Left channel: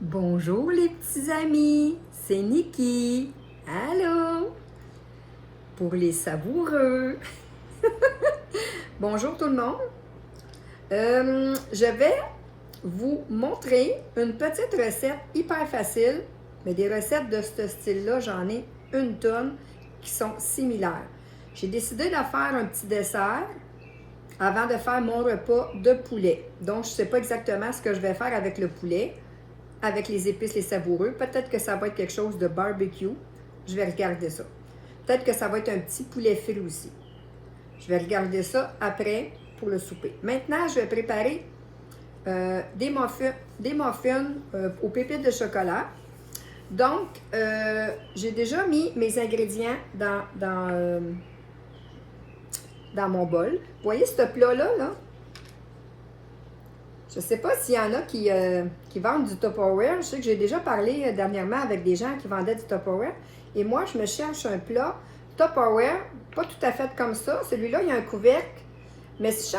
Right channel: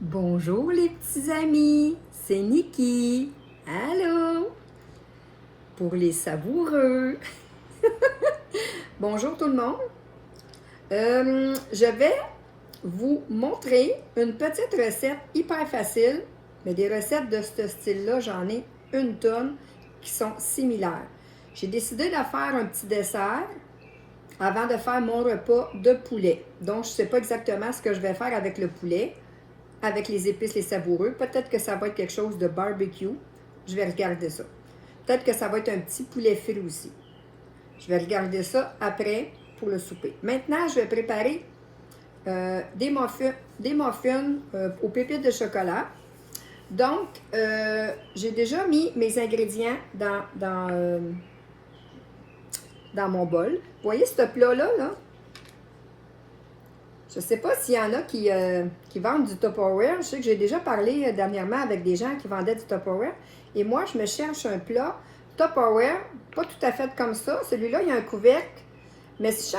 Bonjour les petits amis, c'est Niki. Allô? Pour les savoureux. Bonjour tout le monde. Je vais vous montrer une petite recette hyper facile, mais des recettes de ce style-là, j'en ai une tonne qui sont similaires. J'ai décidé de faire un petit dessert avant de faire mon repas de poulet. Donc, je ne sais pas exactement ce que je vais faire avec le poulet, avec les épices, les savoureux. Peut-être que ça va être quelque chose de barbecue. Je vais regarder ça. Peut-être que ça va être un petit poulet frit aussi. Je vais regarder ça après pour le souper. Maintenant, je vais préparer des muffins aux pépites de chocolat. Donc, j'ai déjà mis mes ingrédients dans mon bol. Vous voyez ce plat-là, là? Je ne sais pas s'il y en a qui vendent du Tupperware. Je sais que j'ai déjà parlé dernièrement avec des gens qui vendaient du Tupperware. Et moi, je me cherche un plat Tupperware, pas tout à fait comme ça. Celui-là, il y a un couvercle. Mais si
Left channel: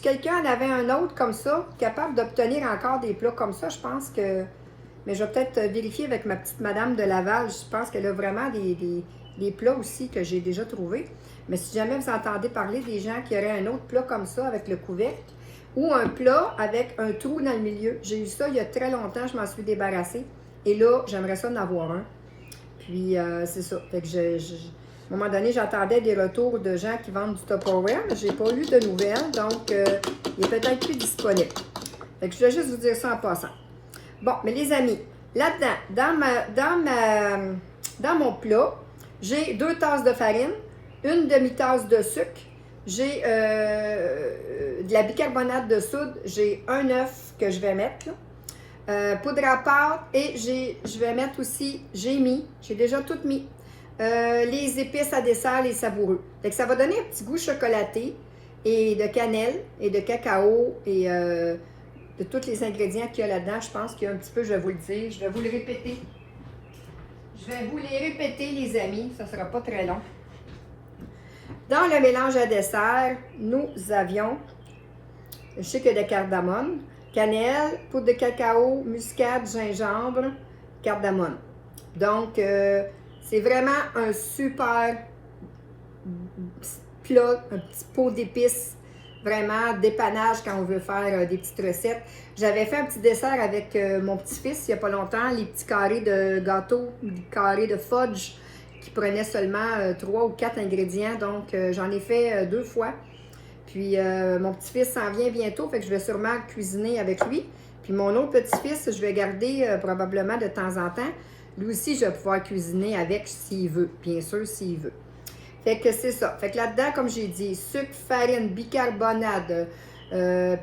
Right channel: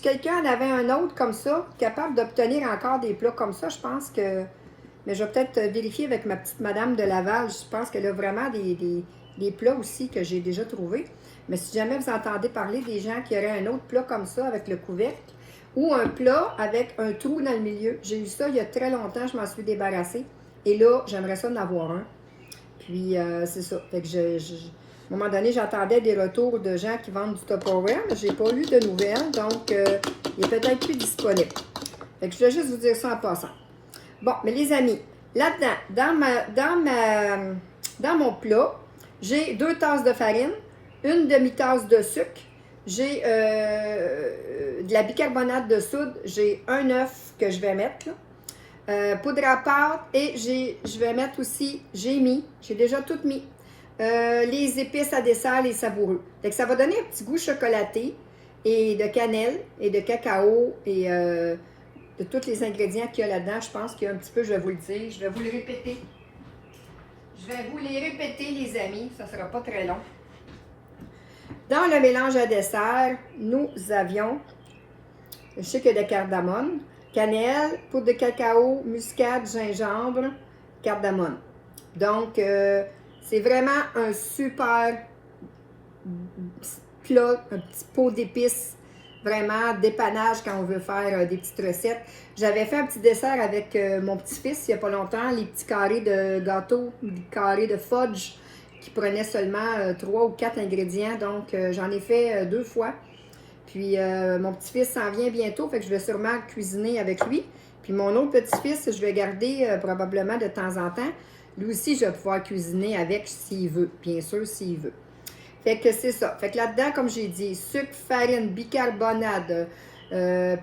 quelqu'un en avait un autre comme ça, capable d'obtenir encore des plats comme ça, je pense que... Mais je vais peut-être vérifier avec ma petite madame de Laval. Je pense qu'elle a vraiment des plats aussi que j'ai déjà trouvés. Mais si jamais vous entendez parler des gens qui auraient un autre plat comme ça avec le couvercle, ou un plat avec un trou dans le milieu. J'ai eu ça il y a très longtemps, je m'en suis débarrassée. Et là, j'aimerais ça en avoir un. Puis, c'est ça. Fait que à un moment donné, j'entendais des retours de gens qui vendent du Tupperware, mais je n'ai pas eu de nouvelles, donc il est peut-être plus disponible. Fait que je vais juste vous dire ça en passant. Bon, mais les amis, là-dedans, dans mon plat, j'ai 2 tasses de farine, une demi-tasse de sucre, j'ai de la bicarbonate de soude, j'ai un œuf que je vais mettre, poudre à pâte, et je vais mettre aussi, j'ai déjà tout mis, les épices à dessert, les savoureux. Fait que ça va donner un petit goût chocolaté, et de cannelle, et de cacao, et de tous les ingrédients qu'il y a là-dedans. Je pense qu'il y a un petit peu, je vais vous le dire, je vais vous le répéter. Je vais vous les répéter, les amis, ça ne sera pas très long. Dans le mélange à dessert, nous avions le sucre de cardamome, cannelle, poudre de cacao, muscade, gingembre, cardamome. Donc, c'est vraiment un super plat, un petit pot d'épices, vraiment dépannage quand on veut faire des petites recettes. J'avais fait un petit dessert avec mon petit-fils il n'y a pas longtemps, les petits carrés de gâteau, les carrés de fudge, qui prenait seulement 3 ou 4 ingrédients. Donc, j'en ai fait 2 fois. Puis, mon petit-fils s'en vient bientôt, fait que je vais sûrement cuisiner avec lui. Puis, mon autre petit-fils, je vais garder probablement de temps en temps. Lui aussi, je vais pouvoir cuisiner avec s'il veut, bien sûr, s'il veut. Fait que c'est ça. Fait que là-dedans, comme j'ai dit, sucre, farine, bicarbonate,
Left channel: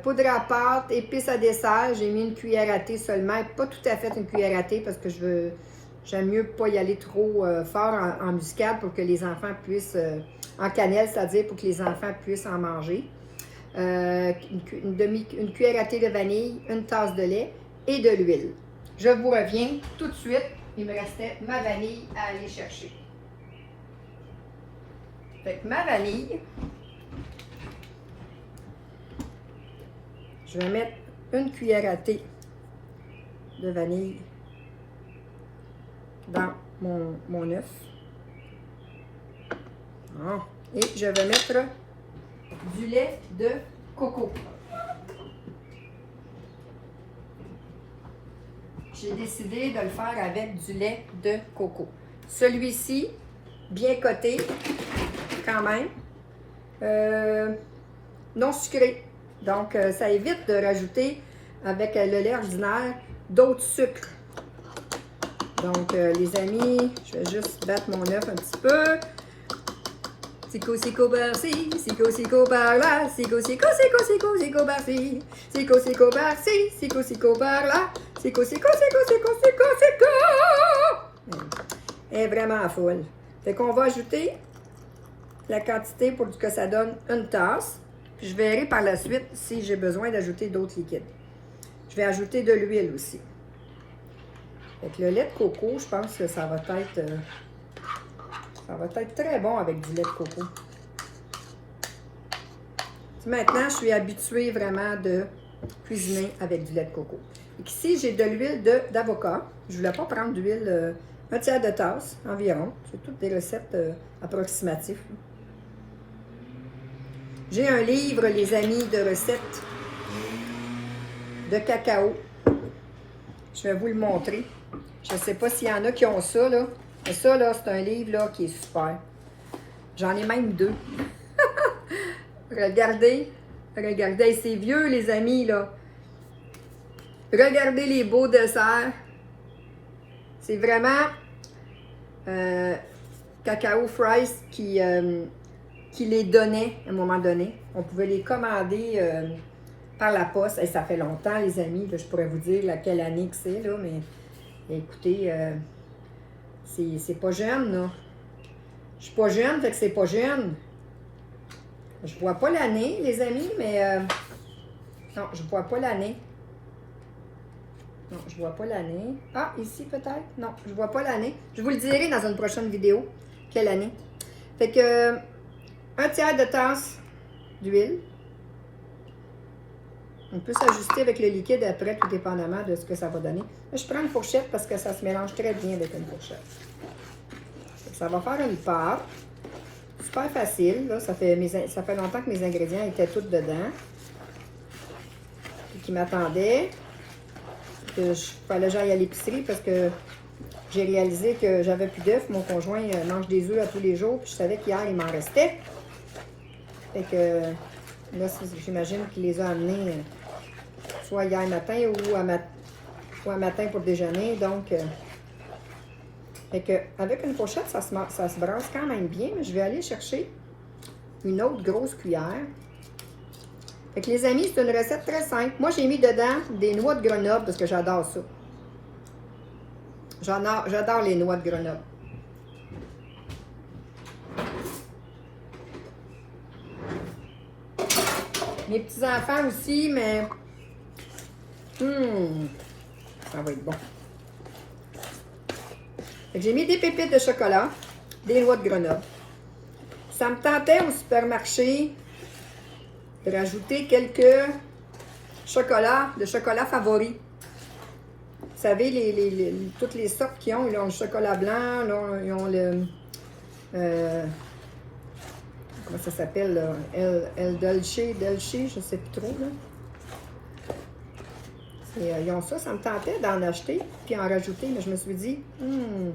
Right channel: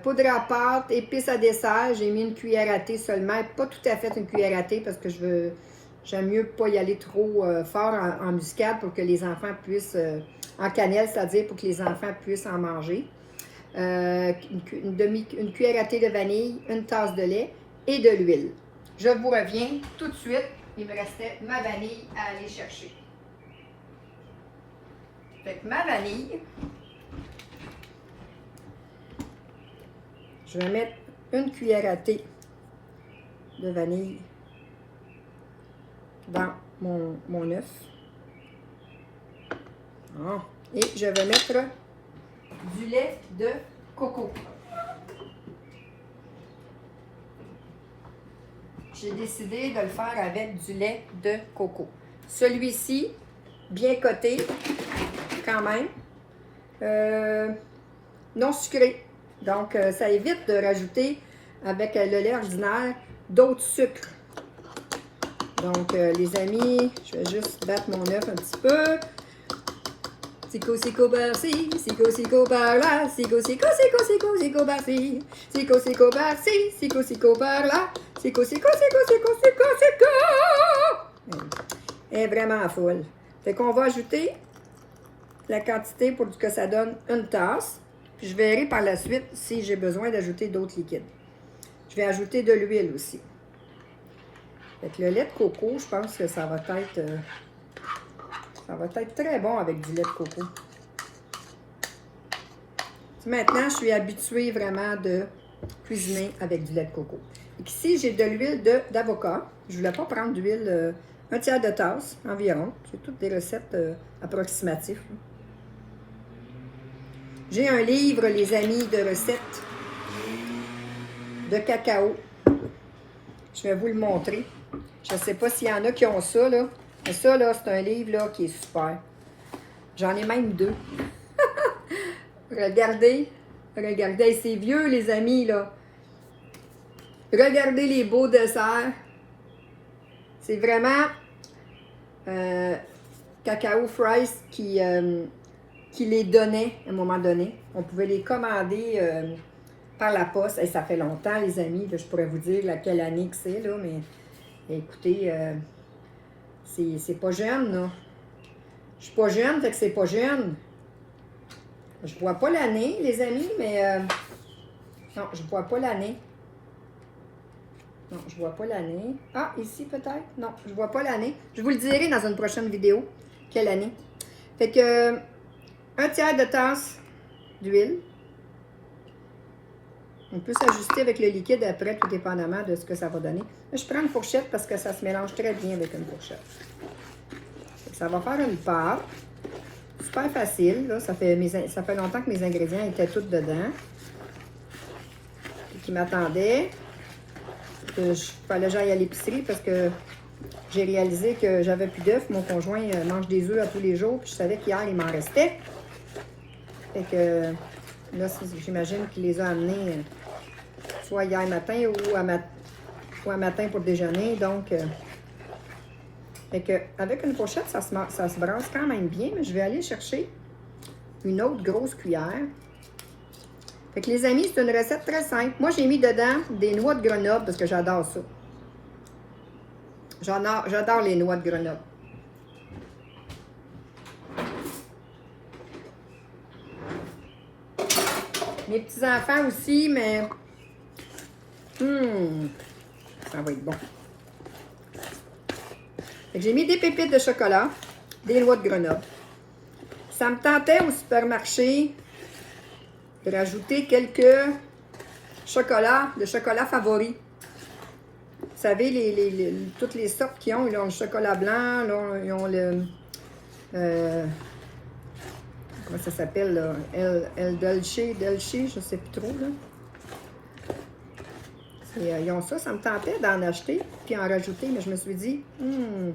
poudre à pâte, épices à dessert. J'ai mis une cuillère à thé seulement. Pas tout à fait une cuillère à thé parce que j'aime mieux pas y aller trop fort en muscade pour que les enfants puissent, en cannelle, c'est-à-dire pour que les enfants puissent en manger. Une cuillère à thé de vanille, une tasse de lait et de l'huile. Je vous reviens tout de suite. Il me restait ma vanille à aller chercher. Fait que ma vanille, je vais mettre une cuillère à thé de vanille dans mon œuf. Et je vais mettre du lait de coco. J'ai décidé de le faire avec du lait de coco. Celui-ci, bien coté, quand même, non sucré. Donc, ça évite de rajouter avec le lait ordinaire d'autres sucres. Donc, les amis, je vais juste battre mon œuf un petit peu. Sico par-ci, sico par-là, sico par-ci, sico par-ci, sico par-là, sico. Elle est vraiment folle. Fait qu'on va ajouter la quantité pour que ça donne une tasse. Puis je verrai par la suite si j'ai besoin d'ajouter d'autres liquides. Je vais ajouter de l'huile aussi. Fait que le lait de coco, je pense que ça va être très bon avec du lait de coco. Maintenant, je suis habituée vraiment de cuisiner avec du lait de coco. Ici, j'ai de l'huile d'avocat. Je ne voulais pas prendre d'huile, un tiers de tasse environ. C'est toutes des recettes approximatives. J'ai un livre, les amis, de recettes de cacao. Je vais vous le montrer. Je ne sais pas s'il y en a qui ont ça, là. Mais ça, là, c'est un livre, là, qui est super. J'en ai même 2. Regardez. Regardez. C'est vieux, les amis, là. Regardez les beaux desserts. C'est vraiment Cacao Fries qui les donnait à un moment donné. On pouvait les commander par la poste. Et ça fait longtemps, les amis. Là, je pourrais vous dire laquelle année que c'est, là, mais écoutez, c'est pas jeune, là. Je suis pas jeune, fait que c'est pas jeune. Je vois pas l'année, les amis, mais non, je vois pas l'année. Non, je vois pas l'année. Ah, ici peut-être? Non, je vois pas l'année. Je vous le dirai dans une prochaine vidéo, quelle année. Fait que, un tiers de tasse d'huile. On peut s'ajuster avec le liquide après, tout dépendamment de ce que ça va donner. Là, je prends une fourchette parce que ça se mélange très bien avec une fourchette. Ça va faire une pâte. Super facile. Là, ça fait longtemps que mes ingrédients étaient tous dedans. Puis qui m'attendaient. Il fallait que j'aille à l'épicerie parce que j'ai réalisé que j'avais plus d'œufs. Mon conjoint mange des œufs à tous les jours. Puis je savais qu'hier, il m'en restait. Fait que là, j'imagine qu'il les a amenés soit hier matin ou un matin pour le déjeuner. Donc, fait que, avec une fourchette, ça se brasse quand même bien. Mais je vais aller chercher une autre grosse cuillère. Fait que les amis, c'est une recette très simple. Moi, j'ai mis dedans des noix de Grenoble parce que j'adore ça. J'adore les noix de Grenoble. Mes petits-enfants aussi, mais ça va être bon. J'ai mis des pépites de chocolat, des noix de Grenoble. Ça me tentait au supermarché de rajouter quelques chocolats, le chocolat favori. Vous savez, toutes les sortes qu'ils ont, ils ont le chocolat blanc, là, ils ont le... comment ça s'appelle, là? El Dolce, je ne sais plus trop, là. Ils ont ça me tentait d'en acheter, puis en rajouter, mais je me suis dit, je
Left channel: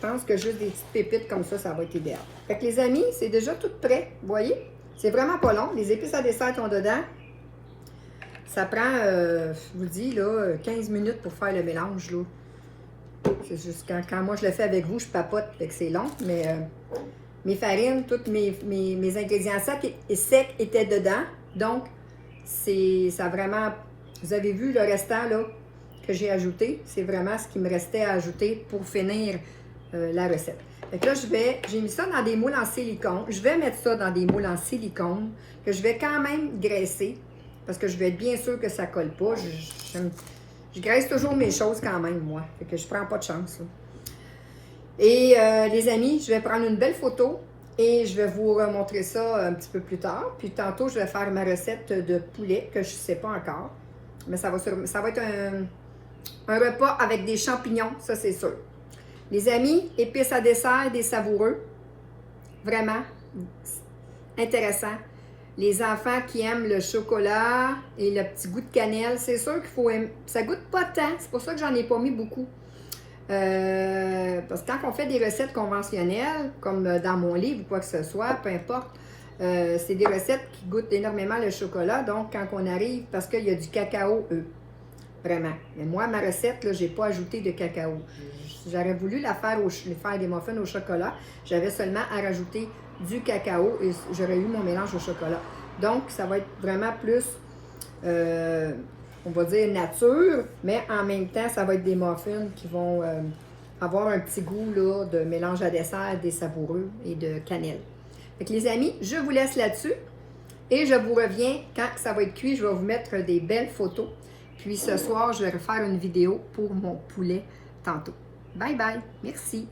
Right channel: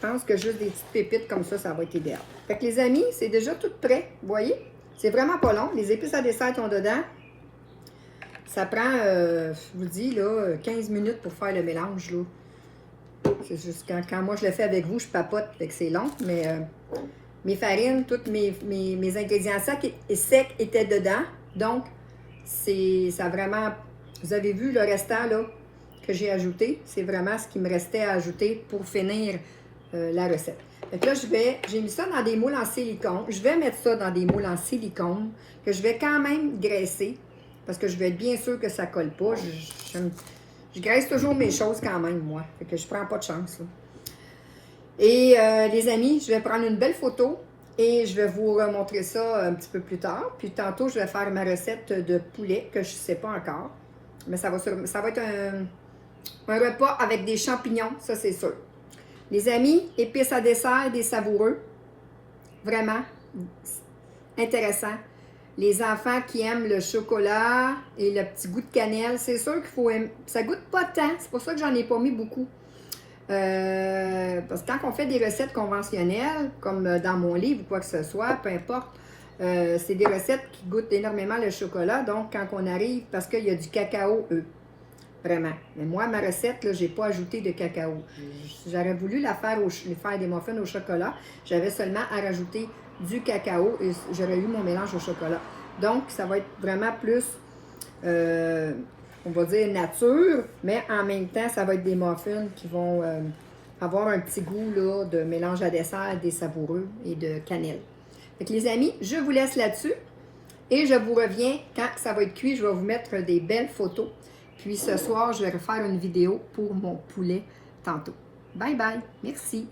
pense que juste des petites pépites comme ça va être idéal. Fait que les amis, c'est déjà tout prêt, vous voyez? C'est vraiment pas long, les épices à dessert sont dedans. Ça prend, je vous dis, là, 15 minutes pour faire le mélange, là. C'est juste quand moi je le fais avec vous, je papote, fait que c'est long, mais mes farines, tous mes ingrédients secs étaient dedans, donc ça vraiment... Vous avez vu le restant là, que j'ai ajouté. C'est vraiment ce qui me restait à ajouter pour finir la recette. Donc là, j'ai mis ça dans des moules en silicone. Je vais mettre ça dans des moules en silicone que je vais quand même graisser parce que je vais être bien sûr que ça ne colle pas. Je graisse toujours mes choses quand même, moi. Fait que je ne prends pas de chance. Là. Et les amis, je vais prendre une belle photo et je vais vous montrer ça un petit peu plus tard. Puis tantôt, je vais faire ma recette de poulet que je ne sais pas encore. Mais ça va être un repas avec des champignons, ça c'est sûr. Les amis, épices à dessert, des savoureux. Vraiment intéressant. Les enfants qui aiment le chocolat et le petit goût de cannelle, c'est sûr qu'il faut aimer. Ça goûte pas tant, c'est pour ça que j'en ai pas mis beaucoup. Parce que quand on fait des recettes conventionnelles, comme dans mon livre ou quoi que ce soit, peu importe, c'est des recettes qui goûtent énormément le chocolat. Donc, quand on arrive, parce qu'il y a du cacao, vraiment. Mais moi, ma recette, là, j'ai pas ajouté de cacao. J'aurais voulu faire des muffins au chocolat. J'avais seulement à rajouter du cacao et j'aurais eu mon mélange au chocolat. Donc, ça va être vraiment plus, on va dire nature, mais en même temps, ça va être des muffins qui vont avoir un petit goût là, de mélange à dessert, des savoureux et de cannelle. Fait que les amis, je vous laisse là-dessus et je vous reviens quand ça va être cuit. Je vais vous mettre des belles photos. Puis ce soir, je vais refaire une vidéo pour mon poulet tantôt. Bye bye. Merci.